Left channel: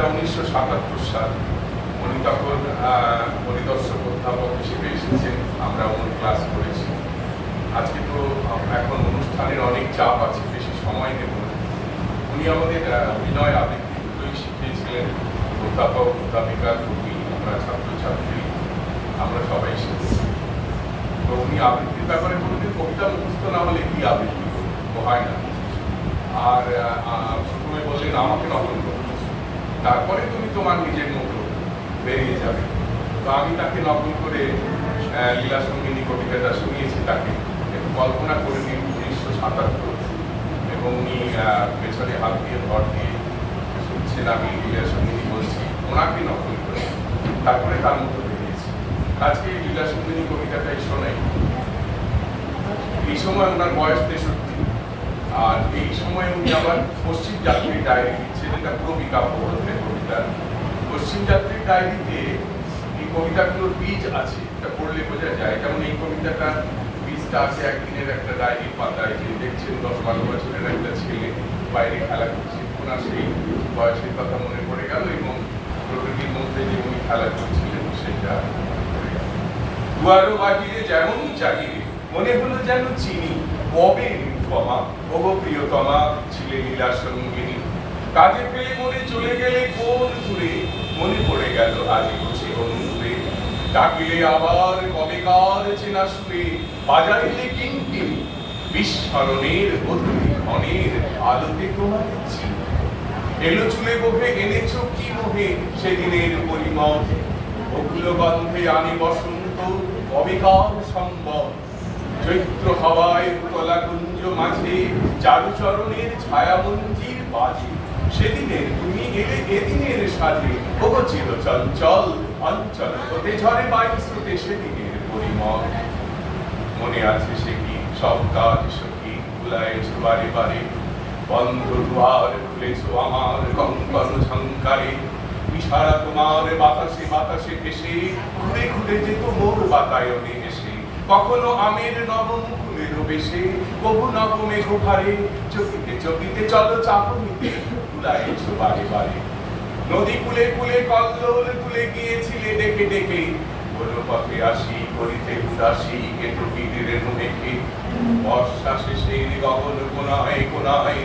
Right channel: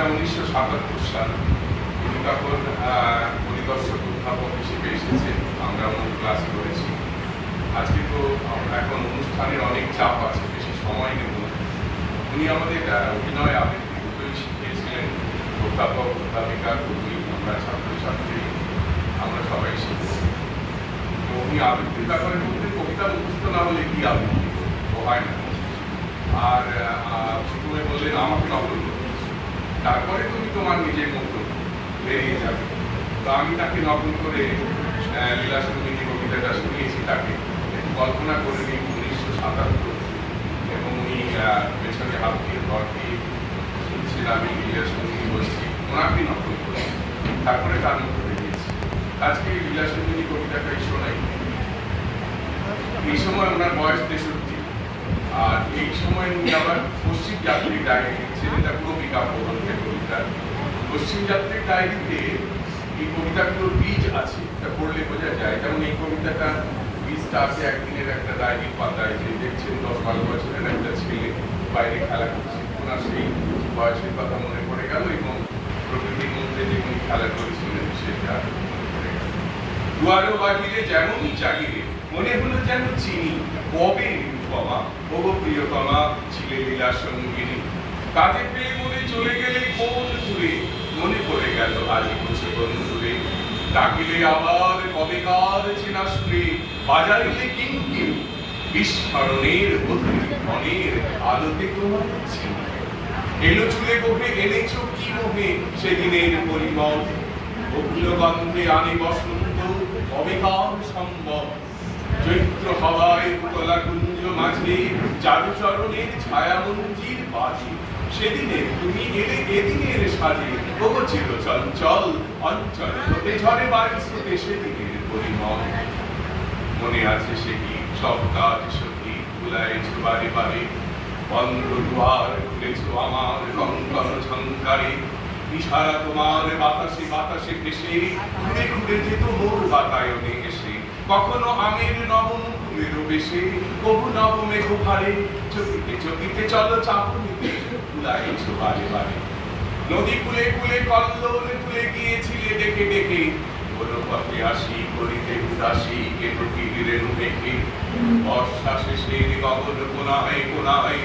এটা উনিশশো সাতাত্তর সাল। আহ, পরিদর্শক অধ্যাপক হিসেবে এসেছেন আমরা উনি ক্লাস করেছি। আজকে তো এখন অনুষ্ঠানের অনেক চাপ আছে বেশি সময় নেব উনি আমাদের অভিনয় আবৃত্তি শিখিয়েছিলেন। অধ্যাপক অধ্যাপিকা কর্মী আমরা ছাত্রছাত্রী আমরা সবাই শিখেছি। তো উনি আবৃত্তির ব্যাপারে বলতে কবিতা মুখস্থ না হলে কি আবৃত্তি? হয় না। আর প্রথমে বললেন আমাকে নকল করো। তারপরে তুমি তোমার নিজের মতো বেরিয়ে যাবে। তো আমি তাকে নকল করে লীলা সঙ্গীনী কবিতাটা শুনিয়েছি তাকে। কল্পনা করে নিন, উনিশশো সাতাত্তর। এবং উনি পেছনে হাত দিয়ে ঘর দিয়ে শুনছেন, আমি লীলা সঙ্গীনী বলছি, ওনাকে নকল করে। তারপরে তার মতো বেরিয়েছি। আজকে লীলা সঙ্গীনী কবিতাটাই শোনাই। এই সময় ওনার বয়স তেষট্টি। আর এই সময় উনি আবার পশ্চিম যাত্রীর ডায়েরি লিখছেন এটা কবিতা প্রবন্ধের কবিতা। পশ্চিম যাত্রীর ডায়েরিতে এই কবিতাগুলোর বীজ আছে, এটা পড়লে বোঝা যায়। যেমন এই কবিতাটা বীজটা আছে, একদিনের একটা ডায়েরির পাতায় যে দেখছেন দশ বারো বছরের একটা ছেলে, বাইরে খেলা করছে। ওনার সেই বয়সের কথা মনে পড়ে গেল এবং প্রকৃতির মধ্যে যে উনি খেলা করেছিলেন, সেটা মনে পড়ে গেল। দুয়ারো যেমনই চাহিয়ে মনে হলো যেন চিনি কবে নিরুপমা ওগো প্রিয়তমা ছিলে লীলা কাজে পেয়ে মনে চলে গেলে কোন দূরে? মনে পড়ে গেল আজ বুঝি বন্ধুরে ডাকিলে আবার কবে কার চেনা শুনে বাজারিলে কিঙ্কিনি বিস্মরণের বদলি ক্ষণের আলোতে তোমার চিনি এলো চুলে গোভে এনেছো কি মোহে? সেদিনের পরিমল। অগ্ল গন্ধে আনি বসন্ত অবিকার সম্ভব চৈত্র হাওয়ায় উতলা কুঞ্জ মাঝে চারুচরণের ছায়া মঞ্জির বাজে সেদিনে তুমি এলে, এদিনের সাজে। ওগো চির চঞ্চল, অঞ্চল হতে ঝরে বায়ু স্রোতে সেদিনের পরিমল। মনে আছে সে কি? সব কাজ সখী ভুলাইছ বারে বারে। বন্ধ দুয়ার খুলেছ আমার কঙ্কন ঝঙ্কারে। ইশারা তোমার বাতাসে বাতাসে ভেসে। ঘুরে ঘুরে যেত মোর বাতায়নে এসে। কখনো আমের নবমুখের বেশে, কবু নবমেঘ ভারে চকিতে চকিতে চলো চাপনিতে ভুলাইছ বারে বারে। নদী কুলে কুলে, কল্লোল তুলে গিয়েছিলে দেখে দেখে। বলো পথে আসি, করিতে উদাসী কেটু রেণু দেখে। বর্ষা শেষের গগন কোনায় কোনায়,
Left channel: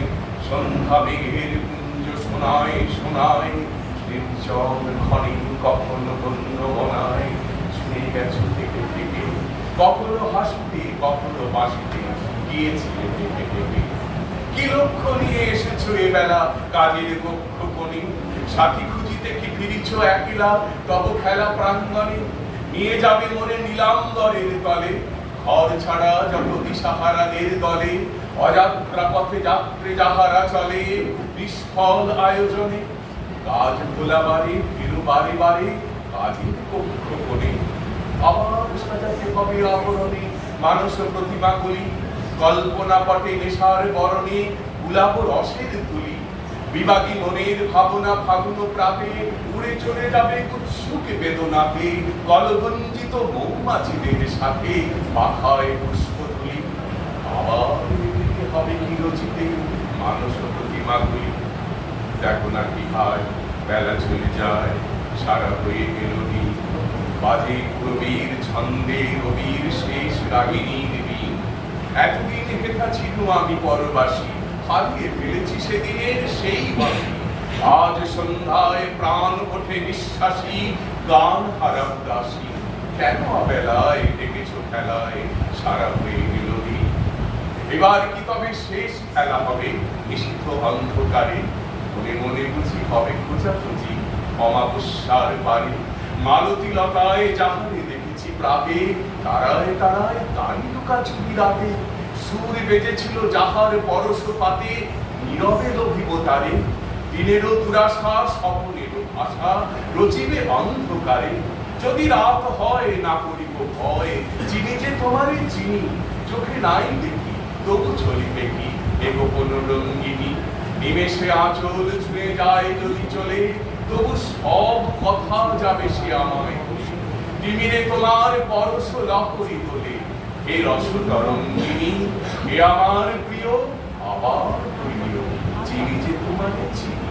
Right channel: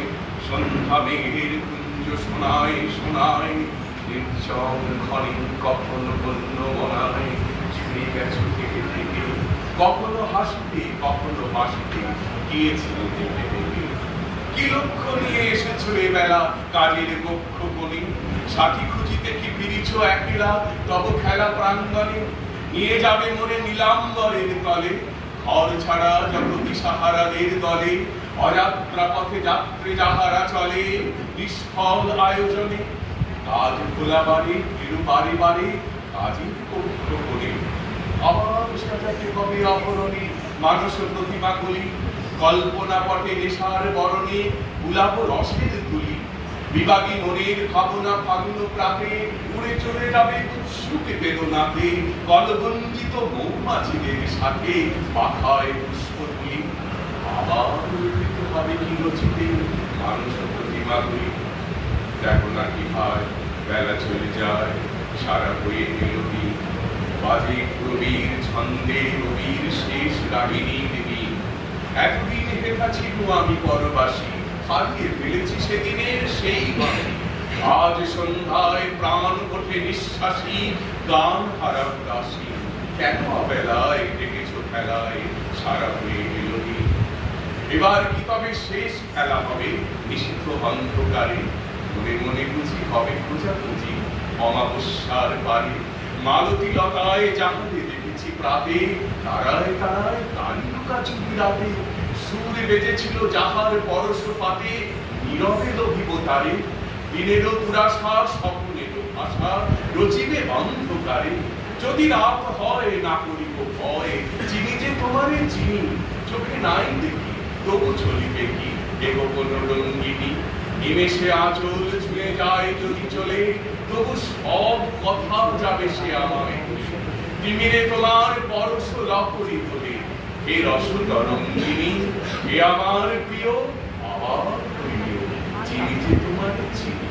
সন্ধ্যা মেঘের কুঞ্জ শোনায় শোনায়। নির্জন খনি কখনো বন্য বনায়। কখনো হাসতে, কখনো বাসতে গিয়েছিলে কি লক্ষ্য নিয়ে এসেছ বেলা, কাজের কক্ষ কোণে? সাথী খুঁজিতে কি ফিরিছ একেলা? তব খেলা প্রাঙ্গণে। নিয়ে যাবে মনে নীলাম্বরের তলে। ঘর ছাড়া জগতি সাহারাদের দলে। অযাত্রা পথে যাত্রী যাহারা চলে, নিষ্ফল আয়োজনে। কাজ খোলা বাড়ি বাড়ি বাড়ি, কাজের কক্ষ কোণে। আবার সাজাতে কবে মানুষ প্রতিমা কলি কল্পনা পটে নেশার বরণে, গুলাব রসের তুলি। বিবাগী মনের ভাবনা ফাগুন প্রাতে, উড়ে চলে যাবে উৎসুকে বেদনাতে, কলবঞ্জিত মৌমাছিদের সাথে মাথায় পুষ্প তুলি। আবার হবে চিরচিতে মানুষ প্রতিমাগুলি দেখো না কি হয়, বেলা চলে যায়, সারা হয়ে গেল দিন। বাজে কবির ছন্দে রবির শেষ রাগিনীর দিন এতদিন হেথা ছিল আমি পরবাসী, হারিয়ে ফেলেছি সেদিনের সেই বাসি আজ সন্ধ্যায় প্রাণ ওঠে নিঃশ্বাসী, গান হারাম দাসী। কেন অবেলায় ডেকেছো খেলায়? সারা হয়ে গেল এবার কি তবে শেষ খেলা হবে? নিষিদ্ধ অন্ধকারে। মনে মনে বুঝি হবে খোঁজাখুঁজি, অমাবস্যার পারে মালতী লতায় যাহারে দেখেছি প্রাতে, তারায় তারায় তারি লুকা চুরি রাতে। সুর বেজেছিল যাহার পরশ পাতে নীরবে লভিব তারে। দিনেরও দুরাশা, স্বপ্নেরও আশা রচিবে অন্ধকারে। যদি রাত হয়, না করিব ভয়। চিনি যে তোমারে চিনি, চোখে নাই দেখি, তবু চলিবে কি? এগো কোন রঙ্গিনী, নিমেষে আঁচল ছুঁয়ে যায় যদি চলে। তবু সব কথা যাবে সে আমায় তিমিরে তোমার পরশ লহরি তোলে এই রসতরঙ্গিনী এ আমার প্রিয়, আবার প্রিয় চিনি যে তোমার চিনি